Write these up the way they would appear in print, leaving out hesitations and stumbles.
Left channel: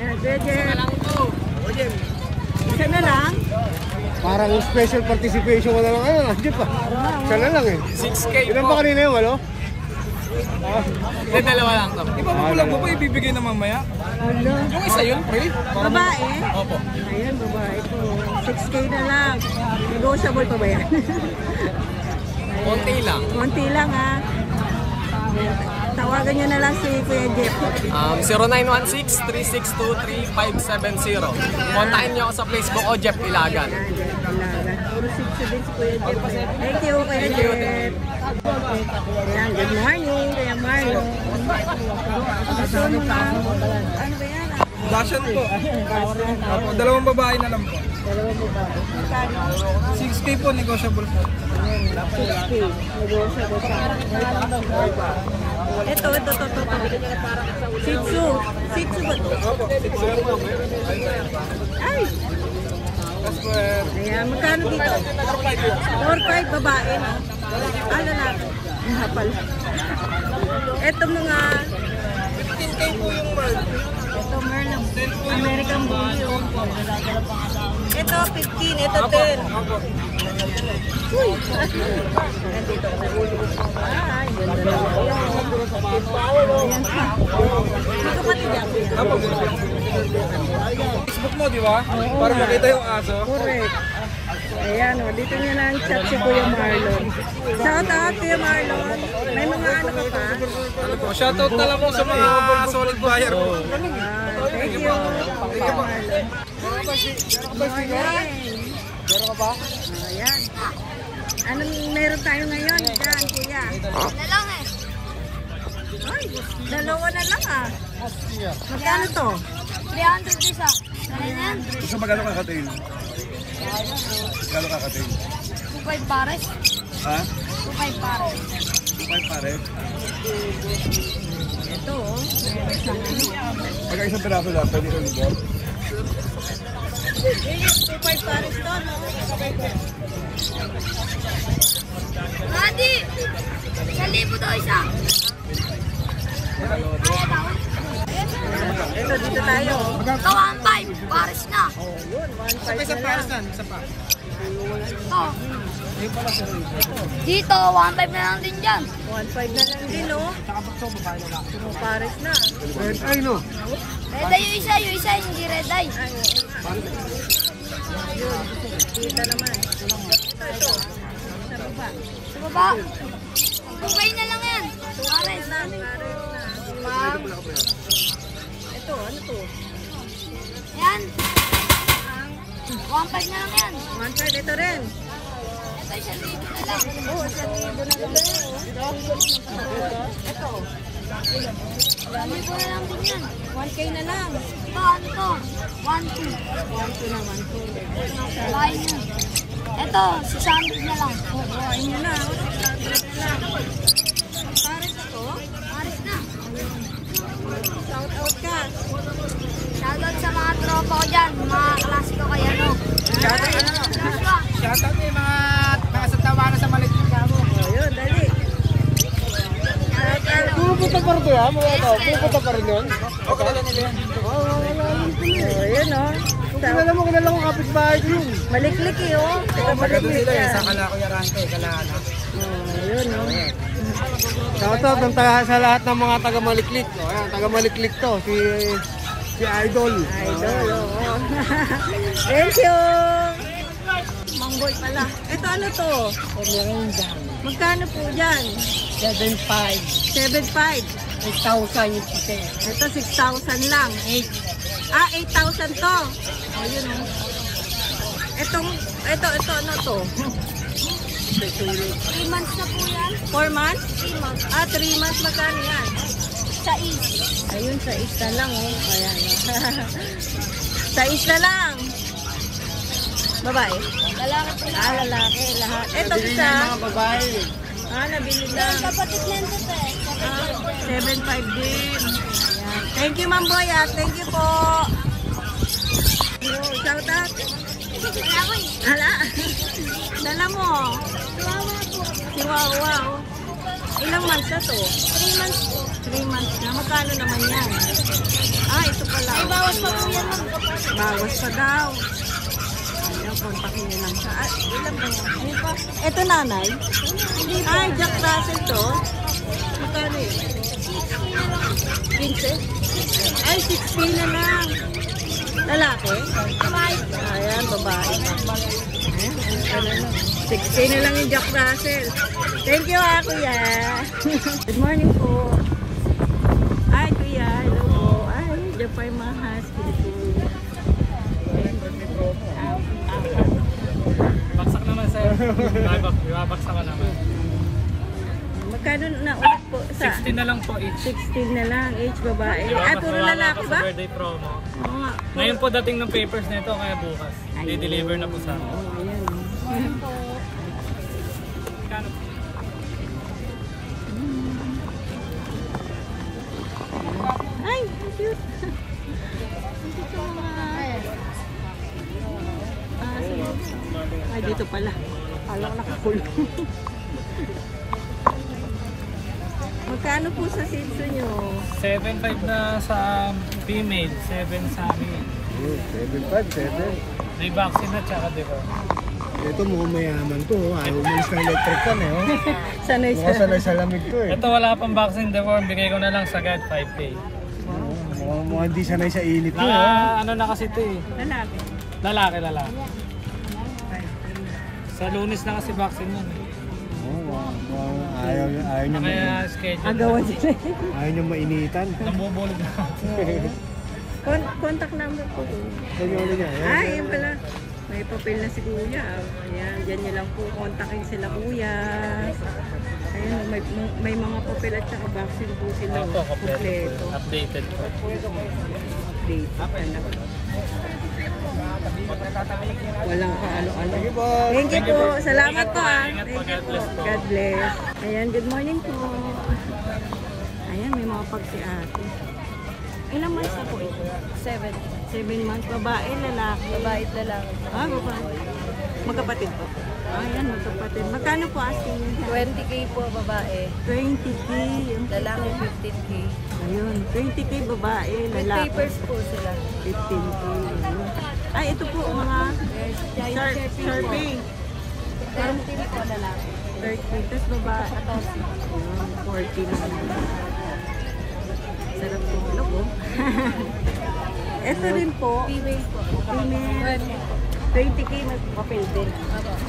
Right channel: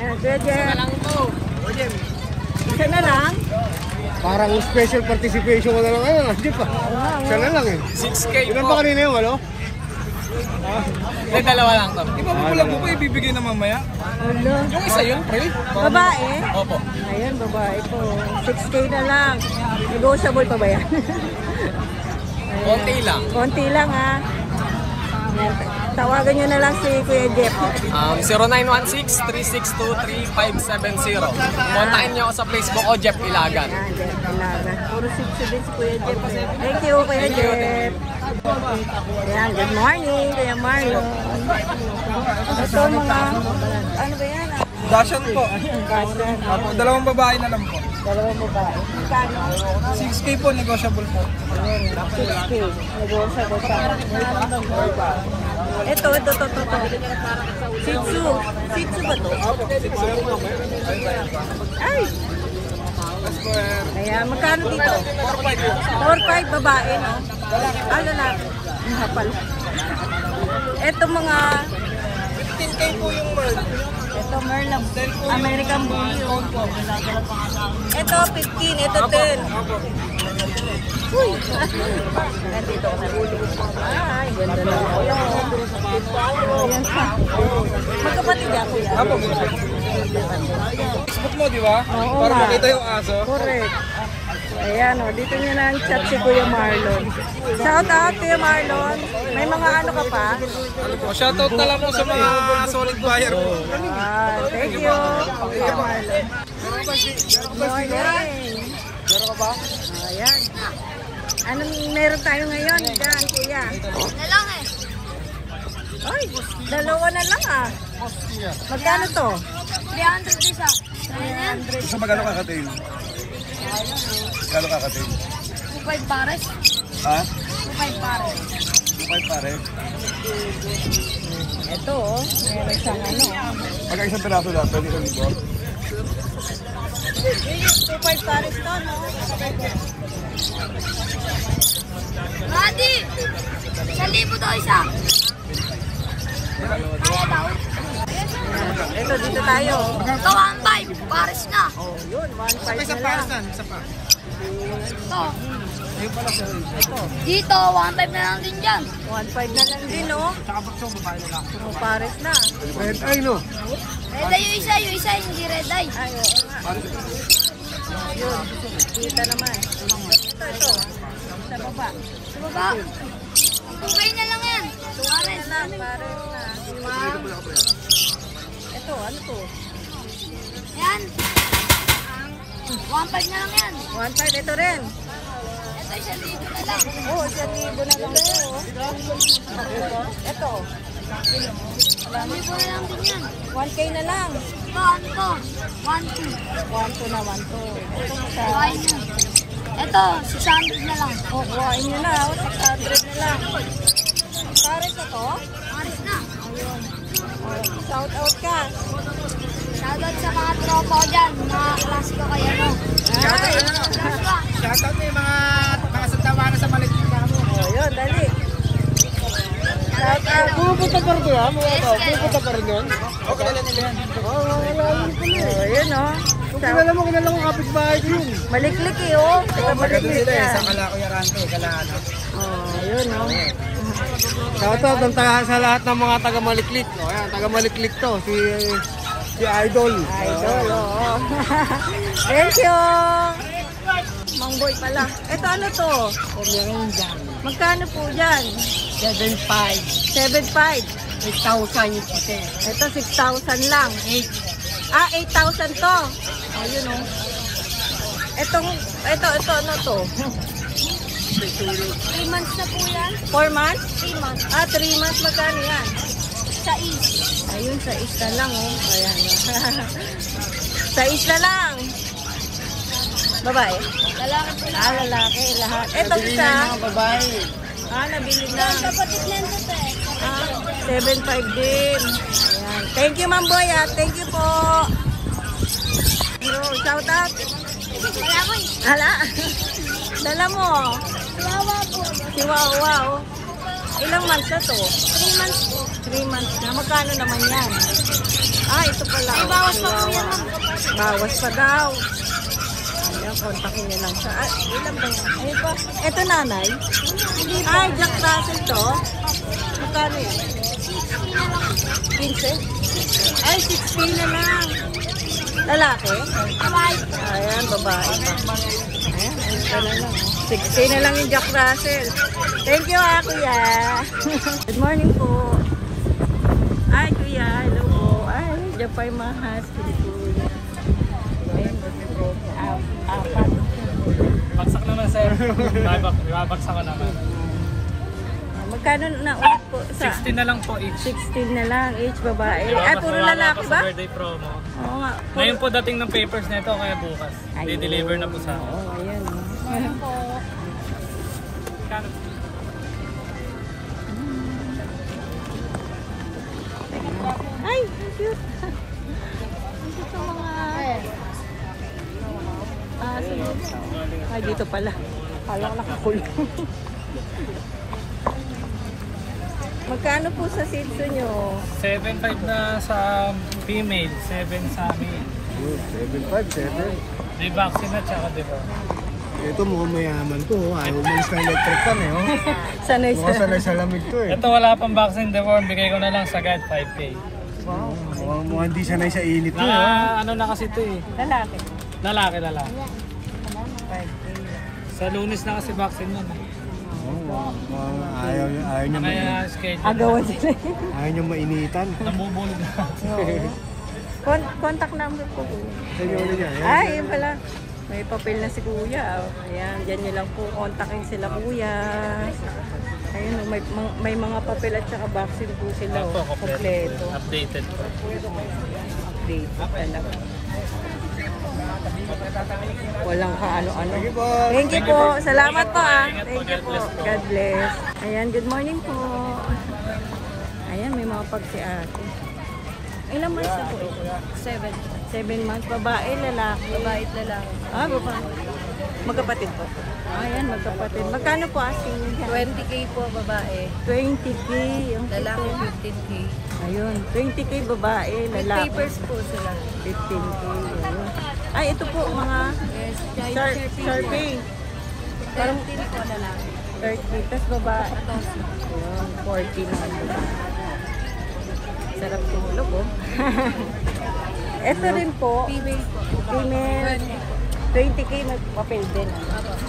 Yan, Jeff. Isa na lang. Parang special participation ko na lang. Ano, Jeff pa. Isa na lang eh. 6K Ilan pa kanina yung walo? Dalawa lang to. Di ba magulang mo pa ibibigay na mamaya? Hello. Yung isa yun, pre? Babae? Opo. Ayan, babae po. 6K na lang. Negotiable pa ba yan? Konti lang. Konti lang ha. Yan. Tawagan nyo na lang si Kuya Jeff. 0916-362-3570. Kontakin nyo ako sa Facebook o Jeff Ilagan. Jeff Ilagan. Puro 6 din si Kuya Jeff. Thank you, Kuya Jeff. Ayan, good morning, Kuya Marlon. Ito mga, ano ba yan? Dashan po. Dashan. Opo, dalawang babae na lang po. Dalawang babae. Magkano? 6K po, negotiable po. 6K. Negotiable pa. Ito. Shih Tzu. Shih Tzu ba ito? Ay! Ayan, magkano dito? 4-5 babae, no? Lalaki. Ang hapal. Ito mga 15K po yung Merl. ito Merlin. American Bulldog po. Ito 15, ito 10. Opo. Uy! Nandito ako sa ulo. Ay, ganda na. Ayan ka. Magkapatid yan, kuya. Opo. Facebook mo, di ba? Para makita yung aso. Correct. Ayan o, dito nyo na ang chat si Kuya Marlon. Shout out Kuya Marlon. May mga ano ka pa? Ano po, shoutout na lang po sa mga solid buyer po. Thank you. Thank you po. Meron ka ba? Ayan. Anong meron tayo ngayon? Yan, kuya. Lang eh. Ay, dalawa na lang ah. Magkano to? 300 isa. Isa magkano kakatay? Magkano kakatay? 2.5 pares. Ha? 2.5 pares. 5 pare. Ito oh, meron siyang ano. Pagka isang piraso lang, pwede ka nito. 2.5 pares to, no? Adi! 1,000 daw isa. Ito, dito tayo. Ito 1.5 pares na. Oh, yun, 1.5 na lang. Ito. Dito 1.5 na lang din dyan. 1.5 na lang din, no? Puro pares na. Red eye, no? Red eye yung isa, hindi red eye. Ay, oo nga. Yun, kita naman. Ito, sa baba. Sa baba. Kumain na lang yan. Pares. Pares na. Wow. Ito, ano to? Ayan. 1.5 na lang yan. 1.5 ito rin. Ito 1,000 na lang. Oo, 1,000 na lang to. Ito, 1,000 na lang din yan. 1K na lang. Ito, ano to? 1.2. 1.2 na 1.2. Kuhain nyo. Ito, 600 na lang. Oh, kuhain nyo na. 100 na lang. Pares na to? Pares na. Shout out ka. Shoutout sa mga tropa ko dyan, mga klase ko kay ano. Ay, Shoutout mo yung mga tawa na sa maliit ka mo. yun, dali. Pupunta pa rin ha? Pupunta pa rin yun? O, kadala na yan. Oo, wala yun pala eh. So, yun, oh. Kung kilala mo kapitbahay ko yun. Maliklik eh, oh. Taga doon sila eh, sa Kalako Yarante, Kalahana. Oh, yun, oh. Shoutout sa lahat ng mga taga-Maliklik. O, ayan, taga-Maliklik to. Si Idol. Idol, oo. Thank you. Mangboy pala. Ito ano to? Magkano po dyan? 7.5. 7.5. 6,000. Ito 6,000 lang. Ah, 8,000 to. Oh, yun oh. Ito ano to? 3 months na po yan. 4 months? 3 months. Ah, 3 months magkano yan? Sa is. Ayun, sa isla lang oh. Kaya sa isla lang. Babae? Ah, lalaki. Lahat. Ito isa. Babae. Ah, nabili na. Kapatid lang to eh. Ah, 7.5 din. Ayan. Thank you, Ma'am Boy. Thank you po. Shout out. Wala ko eh. Ala. Dala mo. Wawa po. Si Wawa. Oh. Ilang months na to? 3 months po. 3 months na. Magkano naman yan? Ah, ito pala. Oh, chihuahua. Bawas pa daw. Ayan, kontakin niyo lang siya. Ah, ilan ba yan? Ayun pa. Ito nanay? Ay, Jack Russell to. Magkano yan? 15? Ay, 16 na lang. Lalaki? Ayan, babae pa. Ayan, ano na. 16 na lang yung Jack Russell. Thank you, Kuya. Good morning po. Ay, Kuya. Hello po. Ay, dyan pa yung mga husky po. Apat. Baksak naman, sir. Ibabaksak ko naman. Magkano na ulit po? Sa 16 na lang po each. 16 na lang, each babae. Ay, puro lalaki ba? Sa birthday promo. Oo nga. Ngayon po dating ng papers nito kaya bukas. Ayun. I-deliver na po sa akin. Oo, ayan. Kano? Ay, cute. Ito mga... Ay, dito pala. Kala ko nakakulong. Magkano po sa sitso nyo? 7.5 na sa female, 7 sa male. 7.5, 7. May vaccine na tsaka di ba? Ito mukhang mayaman to. Ayaw mo sa electric fan eh. Sanay Oh, sanay sa lamig to eh. Ito wala pang vaccine deworm, bigay ko na lang sa God 5K. Mukhang hindi sanay sa init yun. Ano na kasi ito eh. Lalaki. Lalaki. Sa Lunes na kasi vaccine yun. Ayaw niya Kaya schedule. Agawan sila. ayaw niya mainitan. Namubulog na. Contact number po. Ay, yun pala. May papel na si Kuya. Ayan, dyan nyo lang po. Kontakin sila Kuya. Ayun, may mga papel at saka vaccine po sila. Ito, Kompleto. Updated po. Update talaga. Walang kaano-ano. Thank you po. Salamat po ah. Ingat po. God bless po. God bless. Ayan, good morning po. Ayan, may mga pag si ate. Ilang months na po ito? 7. 7 months. Babae, lalaki. Babae at lalaki. Ah, babae. Magkapatid po. Ayan, magkapatid. Magkano po asking yun dyan? 20k po babae. 20K. Lalaki 15k. Ayun, 20K babae, With lalaki. papers po sila. 15K. Ayun. Ay, ito po mga Yes, survey. Parang 13 po lalaki. 30. Tapos babae. Ayun, 40 na. Sarap tulog, oh. Ito rin po, Female po. female. 20K may papel din.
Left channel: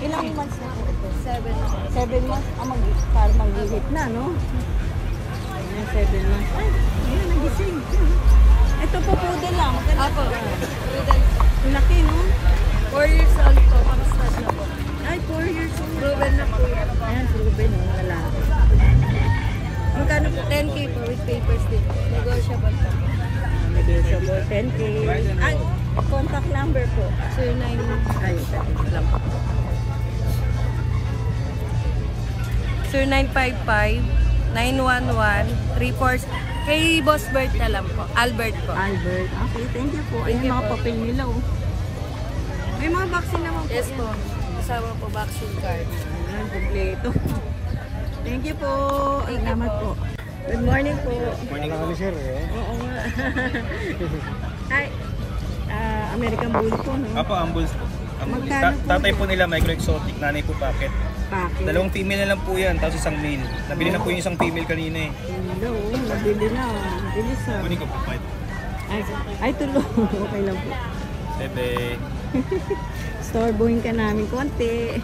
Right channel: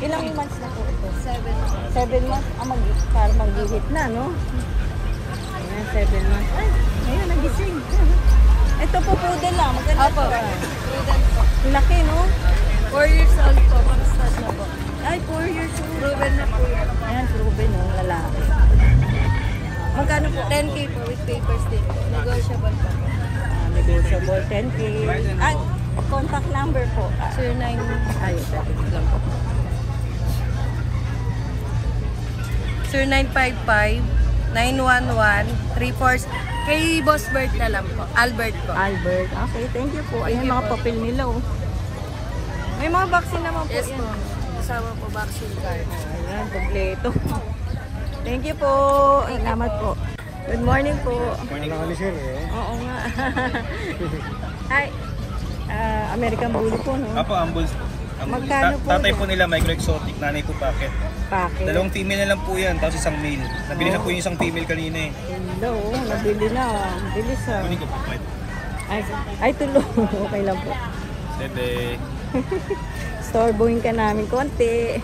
Ilang months na po ito? 7. 7 months? Ah, parang mag-hit na, no? Ayan, 7 months. Ay, ngayon, nagising. Ito po poodle lang. Maganda Apo. pa. Prudent po. Laki, no? 4 years old po. Pang-start na po. Ay, 4 years old. Proven na po yan. Ayan, proven, no? Lalaki. Magkano po? 10k po with papers din po. Negotiable po. Negotiable, 10K. Ay, contact number po. 09. Ay, lang po. 0955-911-34. Kay Boss Bert na lang po. Albert po. Albert. Okay, thank you po. Ayan, mga papel nila, oh. May mga vaccine naman po. Yes yan. po. Kasama po vaccine card. Ayan, kompleto. Thank you po. Salamat po. Good morning po. Morning po sir. Oo nga. Hi. American Bully po, no? Apo, ambulance po. Magkano po Tatay yan? po nila micro-exotic, nanay po packet. Packet. Dalawang female na lang po yan, tapos isang male. Nabili na po yung isang female kanina eh. Hello, nabili na. Bilis ah. Hindi ko po 5. Ay, tulo. Okay lang po. Bebe. Storebohin ka namin konti.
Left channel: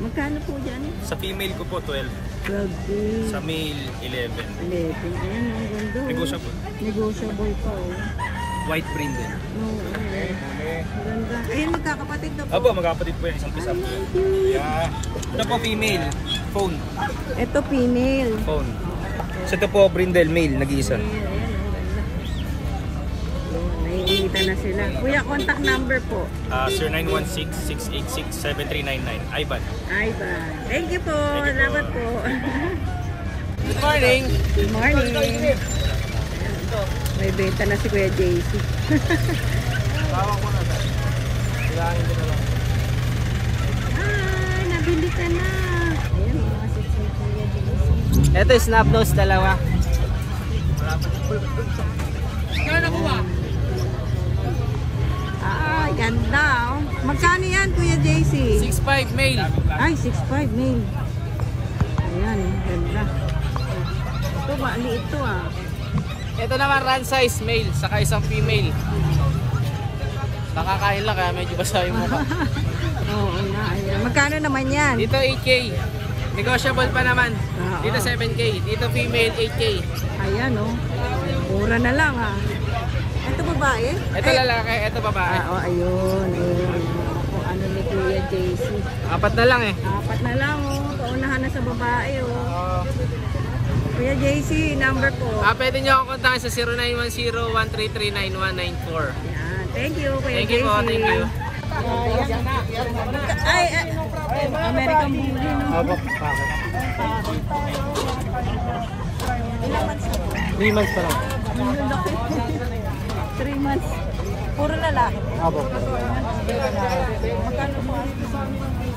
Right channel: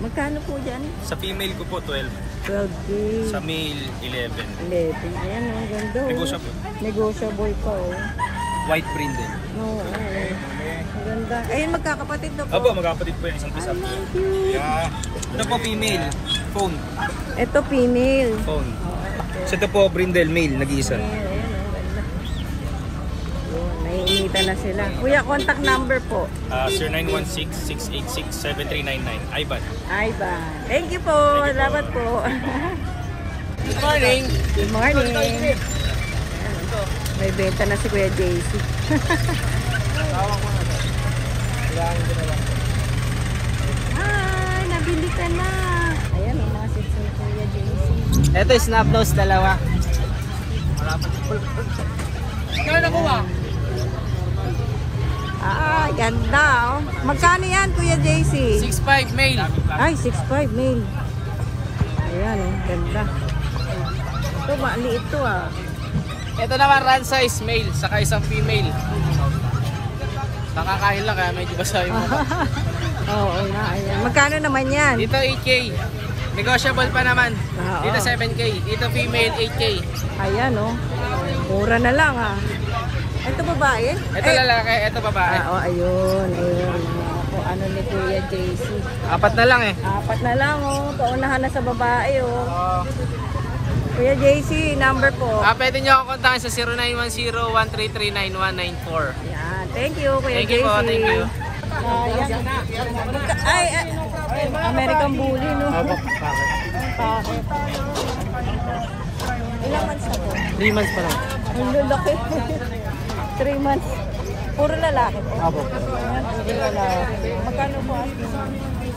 Magkano po dyan? Sa female ko po 12, 12K. sa male 11. 11. Ayan, ang ganda. Oh. Negotiable. Negotiable pa, oh. White brindle. No, ang ganda. Ayun, magkakapatid na po. Opo, magkapatid po yan, isang pisa po. Thank you. Ito po female, phone. Ito, female. Phone. So ito po brindle, male, nag-iisa. Naiinitan na sila. Kuya, contact number po. 0916-686-7399. Ivan. Ay ba. Thank you po. Salamat po. Good morning. Good morning. May benta na si Kuya JC. Tawag mo na sir. Kailangan ko na lang po. Ay, nabili ka na. Ayan, ang mga sits ni Kuya JC. Ito is snap nose, dalawa. Ah, ganda oh. Magkano yan, Kuya JC? 6'5 male. Ay, 6'5 male. Ayan oh, ganda. Ito, maliit to ah. Ito naman run size male, saka isang female. Nakakain lang kaya medyo basa yung mukha. Oo nga, ayan. Magkano naman yan? Dito 8K. Negotiable pa naman. Oo. Dito 7K. Dito female 8K. Ayan oh. Mura na lang ah. Ito babae? Ito lalaki, ito babae. Ah, oh, ayun, ayun. Kung ano ni Kuya JC. 4 na lang eh. 4 na lang oh. Paunahan na sa babae oh. Kuya JC, number po. Pwede nyo ako kontakin sa 0910-133-9194. Yan. Thank you, Kuya Thank you JC. po, thank you. Ay, American Bully, no? Bakit? Ilang months na po? 3 months pa lang. Ang lalaki. 3 months. Puro lalaki po. Apo. Magkano po?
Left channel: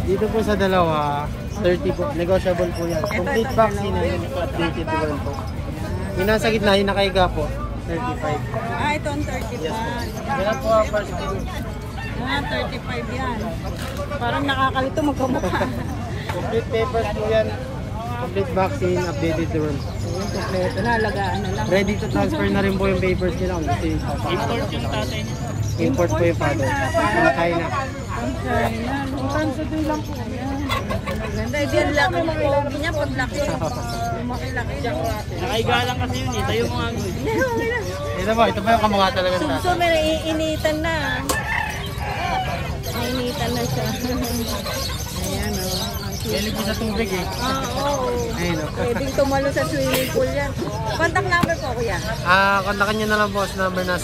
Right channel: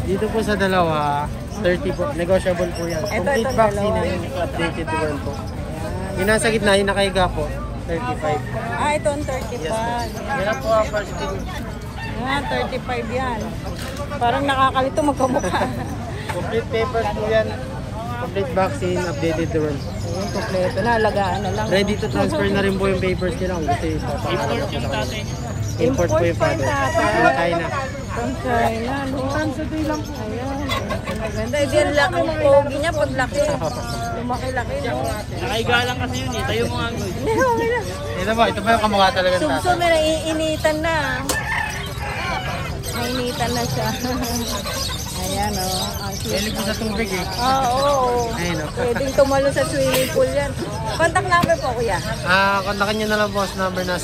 Dito po sa dalawa, 30 po. Negotiable po yan. Ito, Complete ito, vaccine dalawa. and updated the world po. Yung nasa gitna, yung nakaiga po, 35. Ah, ito ang 35. Yan po ang first thing. Ah, 35 yan. Parang nakakalito magkamukha. Complete papers po yan. Complete vaccine, updated the world. Kompleto na, alagaan na lang. Ready to transfer na rin po yung papers nila kung gusto yung import yung tatay. Import po yung father. Patay na. Ayan. Ganda, hindi ang laki ng pogi niya pag laki. Lumaki-laki niya. Nakaigalang kasi yun eh. Tayo mga ano. Okay na. Ito ba yung kamukha talaga ng tatay? Sumi, naiinitan na. Nainitan na siya. Ayan o. Ang cute. Sa tubig eh. Oo. Pwede tumalo sa swimming pool yan. Contact number po, kuya. Kontakin nyo na lang boss number na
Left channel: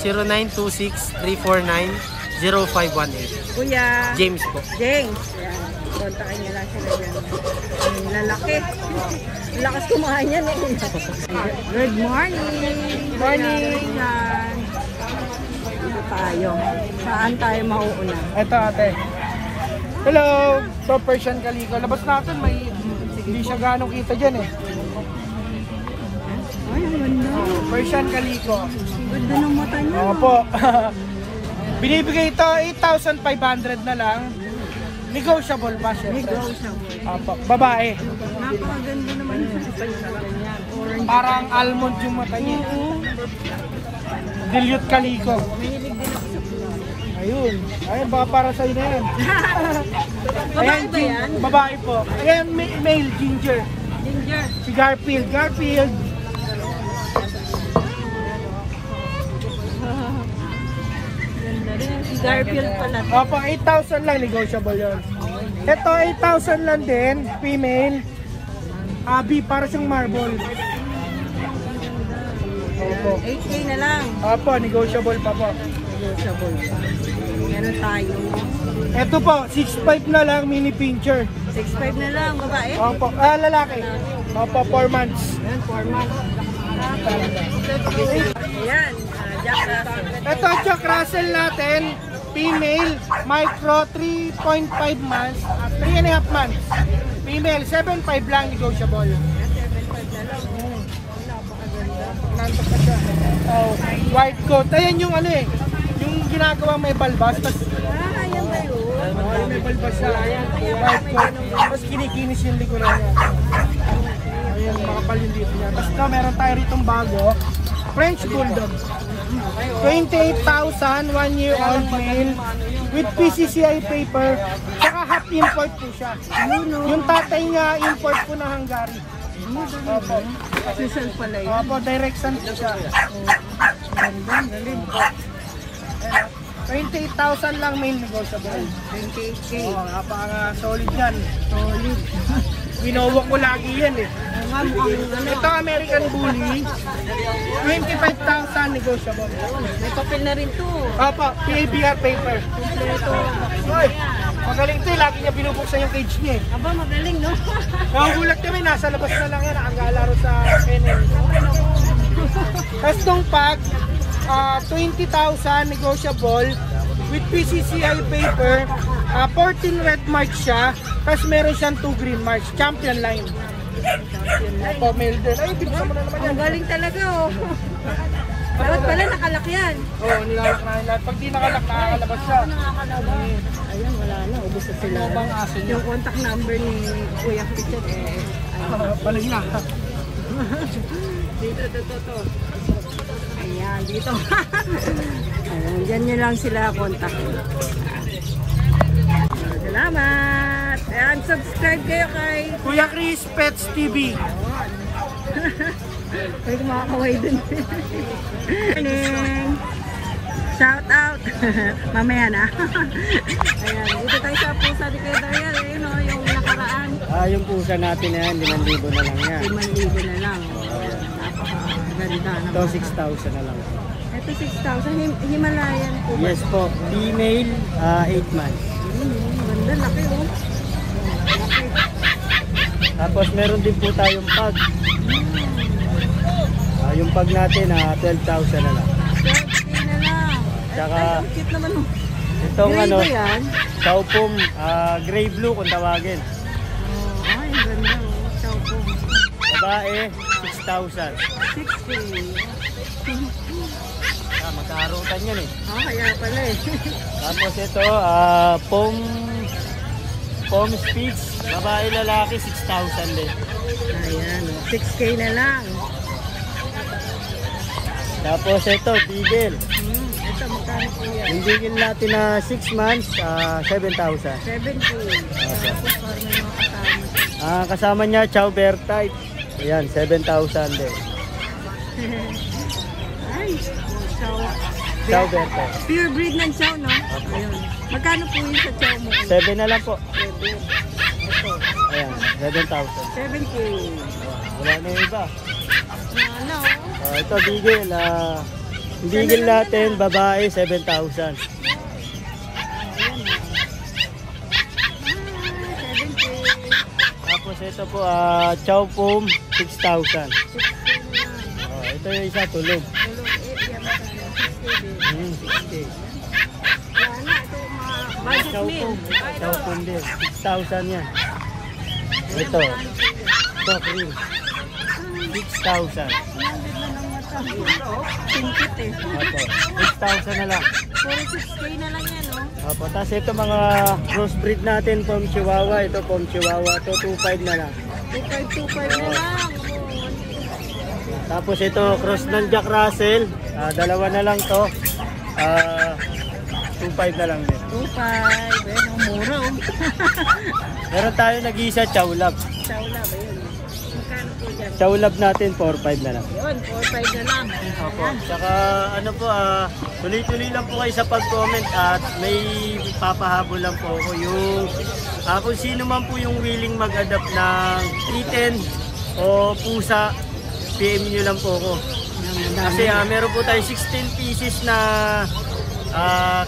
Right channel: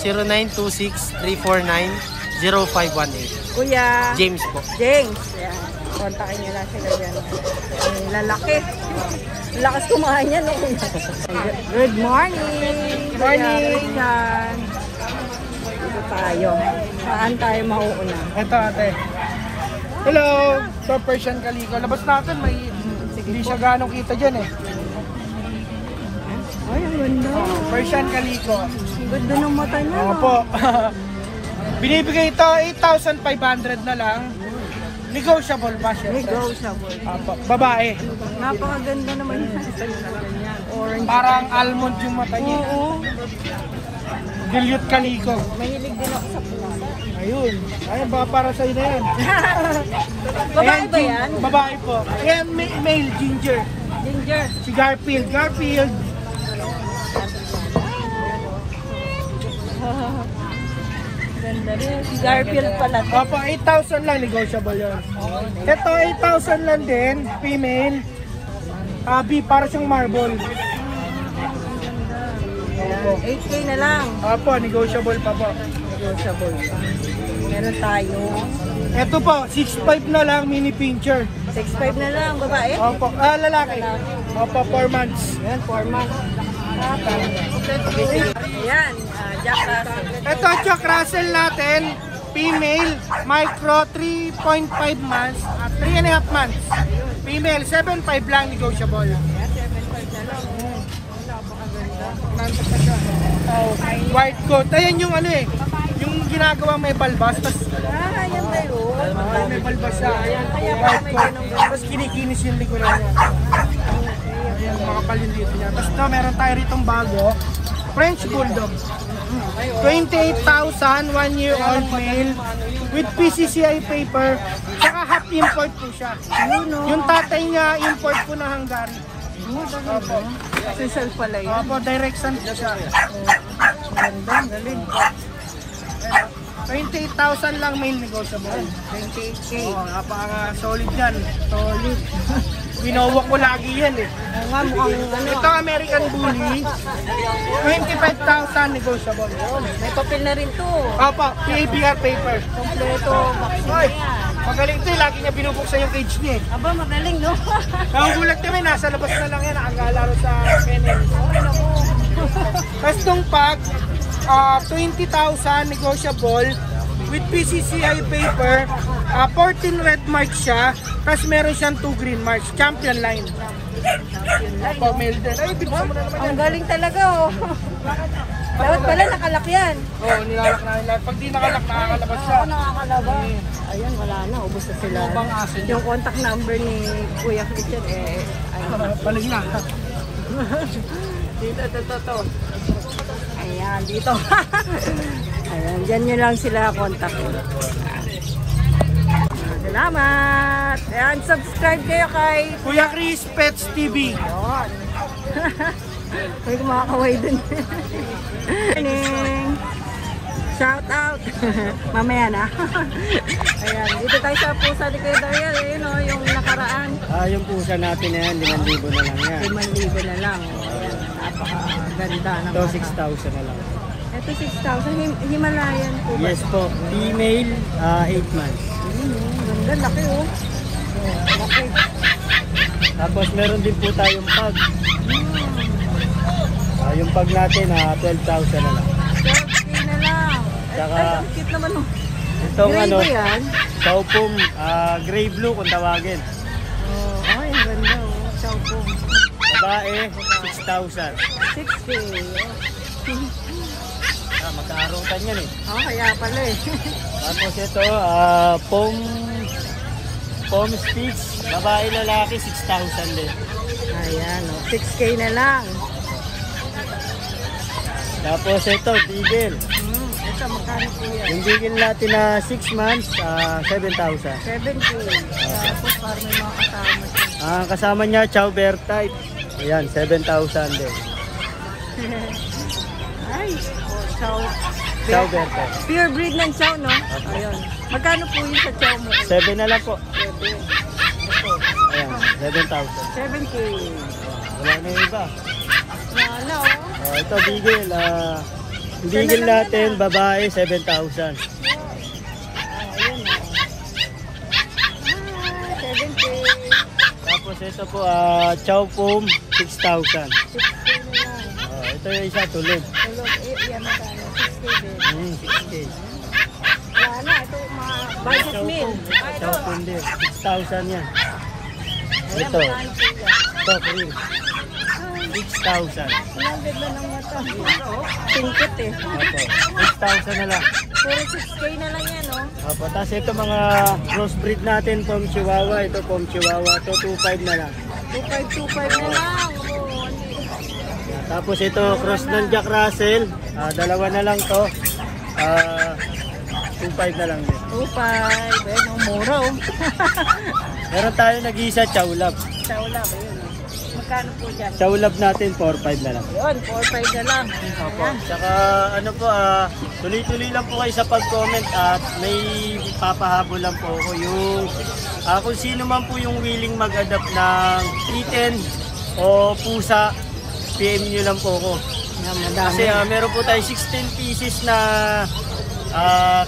0926-349-0518. Kuya James po. James. Yan. Kontakin nyo lang siya. Ang lalaki. Ang lakas kumain yan. Good morning. Kuya Christian. Dito tayo. Saan tayo mauuna? Ito ate. Hello! So Persian Calico. Labas natin may hindi siya ganong kita dyan eh. Ay, ang ganda. Persian Calico. Ang ganda ng mata niya. Opo. Binibigay ito 8,500 na lang. Negotiable ba siya? Negotiable. Opo. Babae. Napakaganda naman siya. Orange. Parang almond yung mata niya. Oo. Dilute Calico. Mahilig din ako sa pula. Ayun. Ayun, baka para sa'yo na yan. Babae Ayan, ba yan? Babae po. Ayan, male, Ginger. Ginger. Si Garfield. Garfield. Ganda rin. Si Garfield pala. Opo, 8,000 lang. Negotiable yun. Ito, 8,000 lang din. Female. Para siyang marble. Opo. 8K na lang. Opo, negotiable pa po. Negotiable. Meron tayo. Ito po, 6'5 na lang, mini pincher. 6'5 na lang, babae. Opo, lalaki. Opo, 4 months. Yan, 4 months. Tapos, yan, Jack Russell. Ito, Jack Russell natin, female, micro, 3.5 months, 3.5 months. Female, 7.5 lang, negotiable. White coat. Ayan yung ano eh, yung ginagawa may balbas. Ah, yan ba yun? May balbas na. Kaya pala may ganong Tapos kinikinis yung likuran. Ayan, makapalin dito yan. Basta meron tayo ritong bago. French Bulldog. 28,000, 1 year old male, with PCCI paper, saka half import po siya. Yung tatay niya, import ko na hanggang. Social pala yan. So, direction po siya. Ganda, galing. 28,000 lang male negotiable. 28K. Napaka-solid yan. Solid. Binawak ko lagi yan eh. Oo nga, mukhang ano. Ito, American Bully. 25,000 negotiable. May papel na rin to. Opo, PABR paper. Kompleto, vaccine yan. Magaling to eh, lagi niya binubuksan yung cage niya eh. Aba, magaling, no? Magulat kami, nasa labas na lang yan, nakagala sa kennel. Tapos itong pack, 20,000 negotiable, with PCCI paper, 14 red marks siya, tapos meron siyang 2 green marks, champion line. Yun lang, For no? male din. Ay, Ang galing talaga, oh. Dapat pala nakalak yan. oh, nilalak. Pag di nakalak Oo, nakakalabas. Ayun, wala na. Ubus na sila. Yung contact number ni Kuya Christian, ayun. balik na. Dito, ito. Ayan, dito. Ayan, dyan nyo lang sila contact. Salamat! Ayan, subscribe kayo kay... Kuya Chris Pets TV. Ayan. Pwede makakaway dun. Morning! Shout out! Mamaya na. Ayan, dito tayo sa pusa ni Kuya Dariel. Ayun o, yung nakaraan. Yung pusa natin na yan, 5,000 na lang yan. 5,000 na lang. Ayan, napakaganda ng Ito, mata. 6,000 na lang. Ito 6,000. Himalayan po. Yes po, female, 8 months. Ganda, laki o. Tapos meron din po tayong pag. Yung pag natin, 12,000 na lang. Hindi na lang. Tsaka, Ay, ang cute naman o. itong Gray ano, ba yan? Taupong, gray blue kung tawagin. Oh, ay, ang ganda o. Chow po. Babae, 6,000. 6K. Magkaarutan yan eh. Oh, kaya pala eh. Tapos ito, Pom Spitz, babae lalaki, 6,000 din. Ayan o. 6K na lang. Tapos ito, Beagle. Ito, magkano po yan? Yung Beagle natin na 6 months, 7,000. 7K. Tapos parang may mga kasama. Kasama niya, Chow Bear type. Ayan, 7,000 din. Ay, oh, chow. Chow Bear type. Pure breed ng chow, no? Ayun. Magkano po yun sa chow mo? 7 na lang po. 7. Ayan, 7,000. 7K. Wala na yung iba. Wala, oh. Ito, Beagle. Yung Beagle natin, babae, 7,000. Ayun, oh. 7K. Tapos ito po, Chow Pom, 6,000. 6K na lang. Ito yung isa, tulog. Tulog area ba tayo? 6K. Wala, ito mga budget meal. Ay, Chow ito. Pom din, 6,000 yan. Ayan, Ito, magkano po yan? ito, Krill, 6,000. Ilang beta ng mata? Ito, oh. Tingkit eh. Opo, 6,000 na lang. Puro 6K na lang yan, oh. Opo, tapos ito mga crossbreed natin, Pom Chihuahua. Ito, Pom Chihuahua. Ito, 2,500 na lang. 2525 na lang. Oh. Tapos ito, cross ng Jack Russell. Dalawa na lang to. 2,500 na lang din. 25. Eh, ang mura, oh. Meron tayo nag-iisa, Chow Lab. Sawla ba yun? Magkano po dyan? Chow Lab natin, 4,500 na lang. Yun, 4-5 na lang. Opo. Tsaka ano po, tuloy-tuloy lang po kayo sa pag-comment at may papahabol lang po ako yung kung sino man po yung willing mag-adapt ng kitten o pusa, PM nyo lang po ako. Yan, madami. Kasi meron po tayo 16 pieces na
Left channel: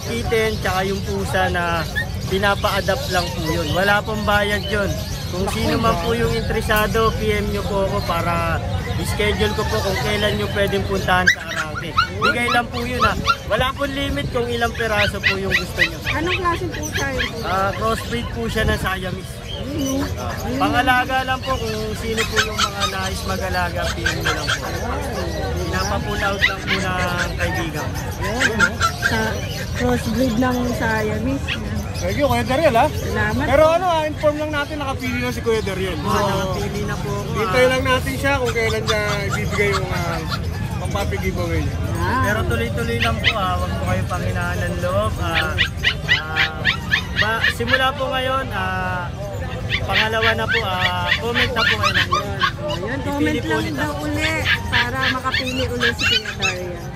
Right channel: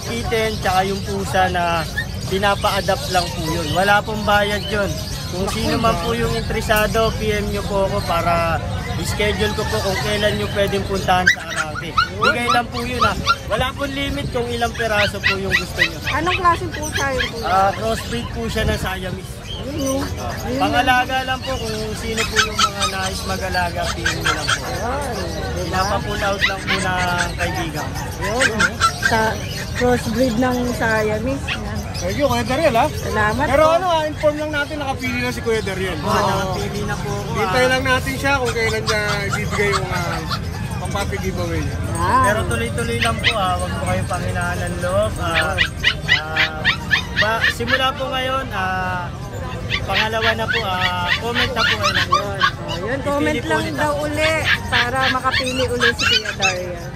kitten tsaka yung pusa na pinapa-adapt lang po yun. Wala pong bayad yun. Kung sino man po yung interesado, PM nyo po ako para i-schedule ko po kung kailan nyo pwedeng puntahan sa Arangke. Bigay lang po yun ha. Wala pong limit kung ilang peraso po yung gusto nyo. Anong klaseng pusa yun po? Crossbreed po siya ng Siamese. Ayun, oh. Ayun Pangalaga lang po kung sino po yung mga nais mag-alaga, PM nyo lang po. Pinapa-pull out lang po ng kaibigan. Ayun, oh. Sa crossbreed ng Siamese. Yan. Thank you, Kuya Dariel, ha? Salamat Pero po. ano, inform lang natin, nakapili na si Kuya Dariel. Nakapili na po ako. Hintay lang natin siya kung kailan niya ibibigay yung pampapi-giveaway niya. Ah, Pero tuloy-tuloy lang po huwag po kayo panghinaan ng loob. Simula po ngayon, pangalawa na po, comment na po kayo ng yun. yun, comment Pipili po lang ulit daw uli para makapili uli si Kuya Darian.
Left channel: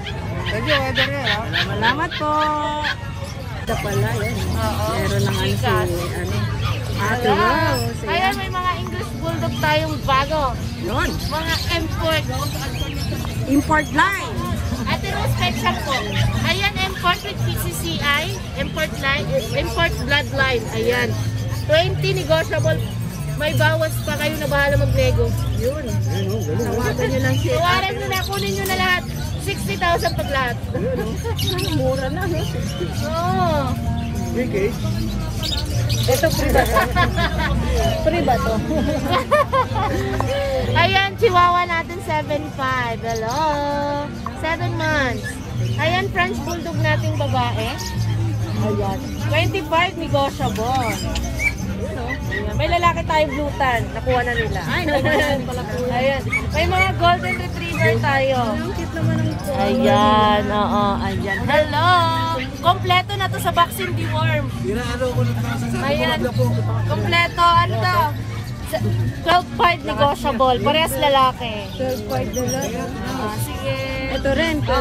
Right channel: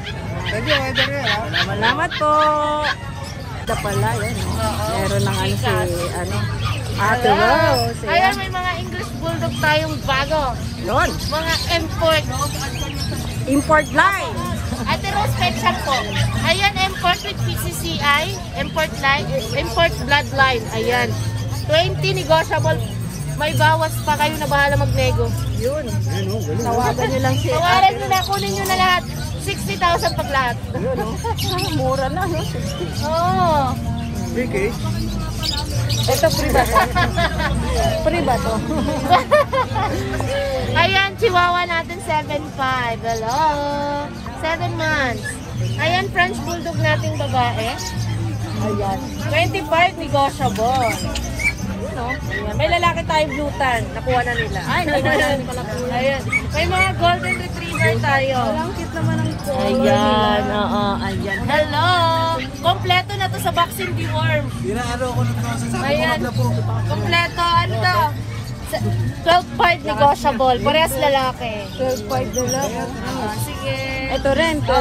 Thank you, Kuya Dariel, ha? Salamat po. Ito pala, yan. Meron ng ano si, Ate Rose. Ayan, may mga English Bulldog tayong bago. Yun, Mga import. import line. Ate Rose Pet Shop po. Ayan, import with PCCI. Import line. Import bloodline. Ayan. 20 negotiable. May bawas pa kayo na bahala magnego. Yun. Tawagan nyo lang si Tawaran nyo na, kunin nyo na lahat. 60,000 pag lahat. Mura na. Oo. Okay. Ito free ba? Free ba? Ayan, chihuahua natin 7'5". Hello. 7 months. Ayan, French Bulldog natin babae. Ayan. 25 negotiable. Ayan. May lalaki tayo blutan. Nakuha na nila. Ay, pala po. Ayan. May mga golden retriever tayo. Langkit naman ang po. Ayan, oo, ayan. Hello! Kompleto na to sa vaccine deworm. Inaano ko na sa Ayan, kompleto. Ano to? 12.5 negotiable. Parehas lalaki. 12.5 na lang. Sige. Ito rin, Oo,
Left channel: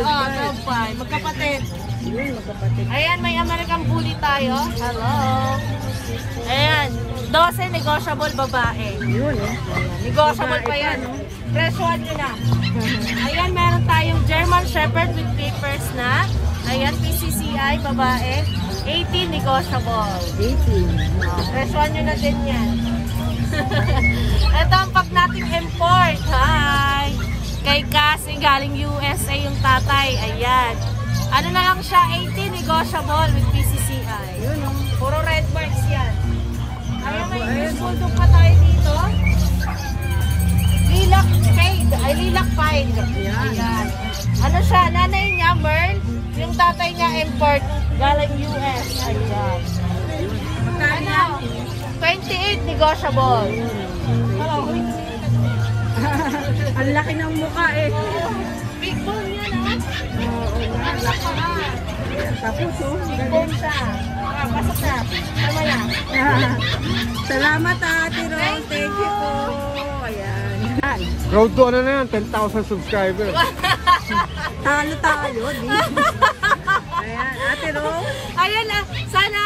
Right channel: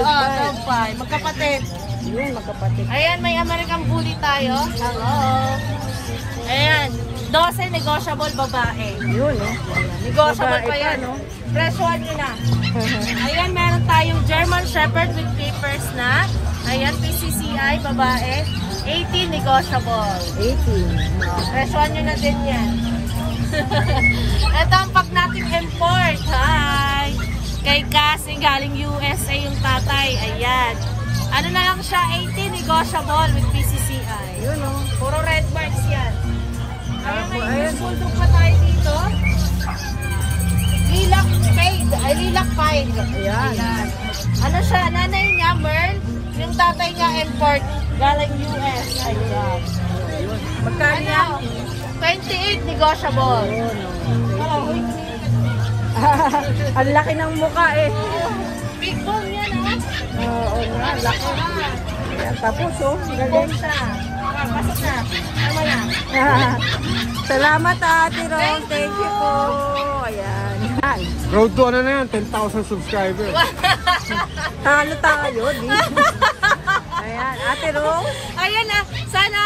12.5. 12.5. Magkapatid. Yun, magkapatid. Ayan, may American Bully tayo. Hello. Ayan, 12 negotiable babae. Yun, Negotiable Babae pa yan. pa, no? Presyohan nyo na. Ayan, meron tayong German Shepherd with papers na. Ayan, PCCI, babae. 18 negotiable. 18. Presyohan nyo na din yan. Ito ang pag natin import. Hi! Kay Cassie, galing USA yung tatay. Ayan. Ano na lang siya, 18 negotiable with PCCI. Yun, oh. Puro red marks yan. Ayan, may Ayan. bulldog pa tayo dito. Lilac Fade. Ay, Lilac Fade. Ayan. Ayan. Ano siya, nanay niya, Mern. Yung tatay niya, import. Galing US. Ayan. Magkano yan? 28 negotiable. Ang laki ng mukha eh. Big bone yan, ah. Oo nga, laki. Ayan, tapos oh. Big Galing. bone siya. Ah, pasok na. Tama yan. Salamat Ate Ron. Thank you po. Ayan. Ay, Road to ano na yan, 10,000 subscribers. talo tayo. Di. Ayan, Ate Ron. Ayan na, sana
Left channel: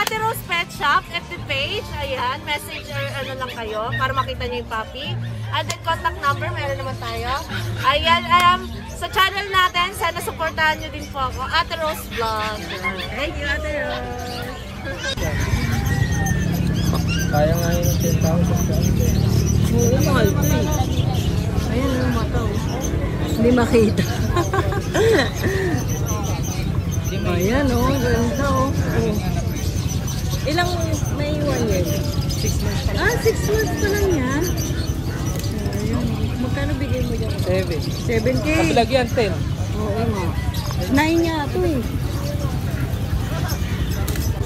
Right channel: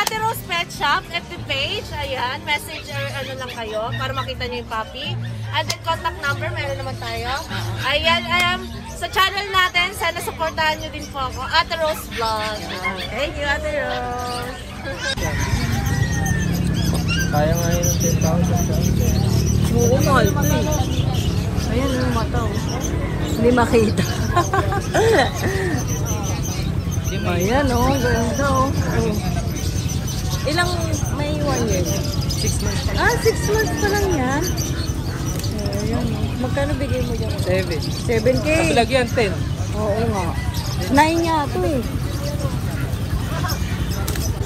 Ate Rose Pet Shop, FB page, ayan, messenger lang kayo para makita niyo yung puppy. And then contact number, meron naman tayo. Ayan, sa channel natin, sana supportahan niyo din po ako, Ate Rose Vlog. Thank you Ate Ron. Oo, mahal to eh. Ayan yung mata oh. Hindi makita. Ayan oh, ganda oh. Ilang may 1 year? 6 months pa lang yan. Ayan. Magkano bigay mo dyan? 7K. Lagyan 10. Oo nga. 9 nga ito eh.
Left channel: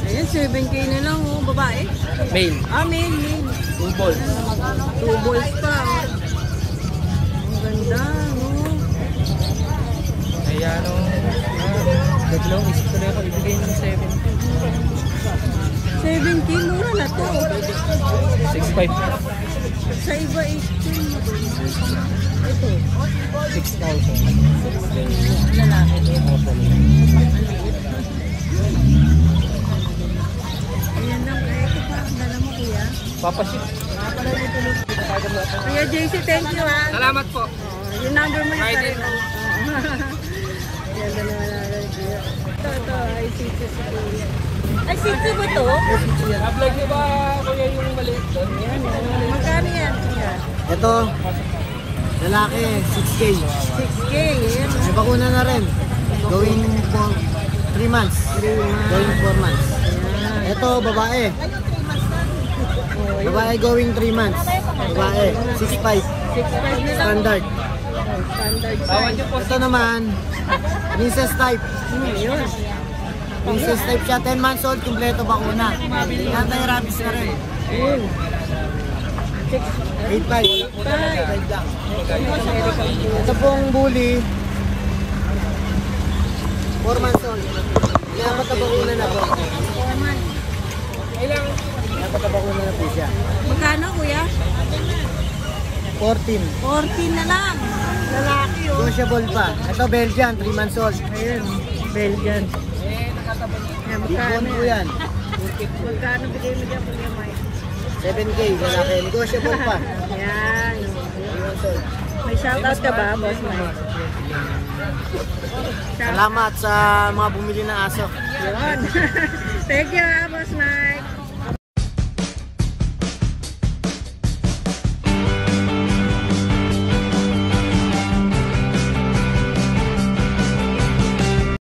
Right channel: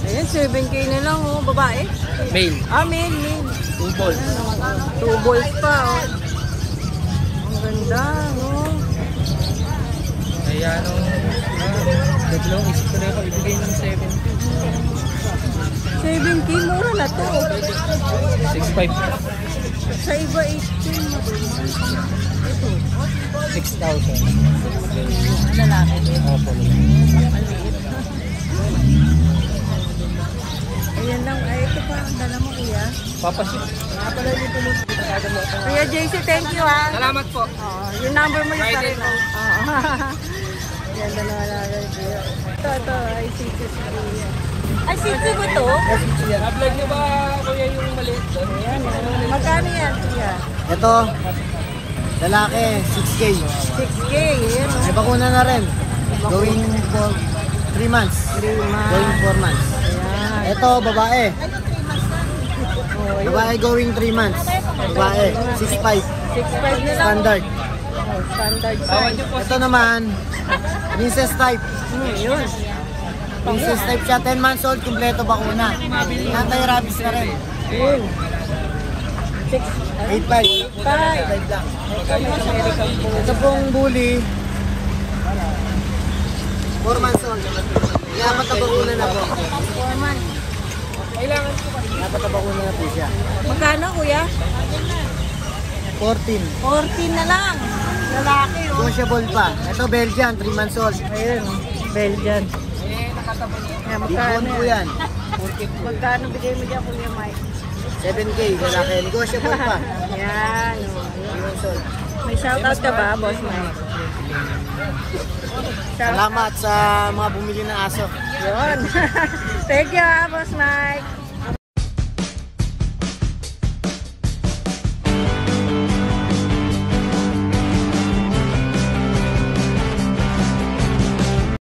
Ayan, 7K na lang oh. Babae? Mail. Male. 2 balls. 2 balls pa oh. Ang ganda no. Kaya dalawang isip ko na ako ibigay ng 7K. 7K, mura na to. 6.5. Sa iba 8K. 6,000. Lalaki. Opo. Ayan lang. Ay, ito pa. Dala mo kuya. Papasit. Kuya JC, thank you ha. Salamat po. Yung number mo yung Friday po. Ayan na naman. Ito. Ay, sitio si kuya. Ay, sitio ba to? Na-vlog niyo ba kuya yung maliit doon? Ayan. Magkano yan kuya? Ito, lalaki, 6K. 6K. Ayan. May bakuna na rin. Going for 3 months. 3 months. Going 4 months. Ayan. Ito, babae. Babae going 3 months. Babae, 6'5". 6.5 na lang. Standard. Standard size. Ito naman, princess type. Yun. Princess type siya, 10 months old, kumpleto bakuna. Anti-rabies na rin. Yun. 8'5". 5. lang. Ito pong bully. 4 months old. Dapat bakuna na po. 4 months. Dapat bakuna na po siya. Magkano kuya? 14. 14 na lang. Lalaki oh. Negotiable pa. Ito Belgian, 3 months old. Ayun, Belgian. Ayan, magkano Ano yan? yan? Magkano bigay mo dyan kung naman? 7K, lalaki. Negotiable pa. Ayan. May shoutout ka ba, boss Mike? Salamat sa mga bumili ng aso. Yun. Thank you, boss Mike.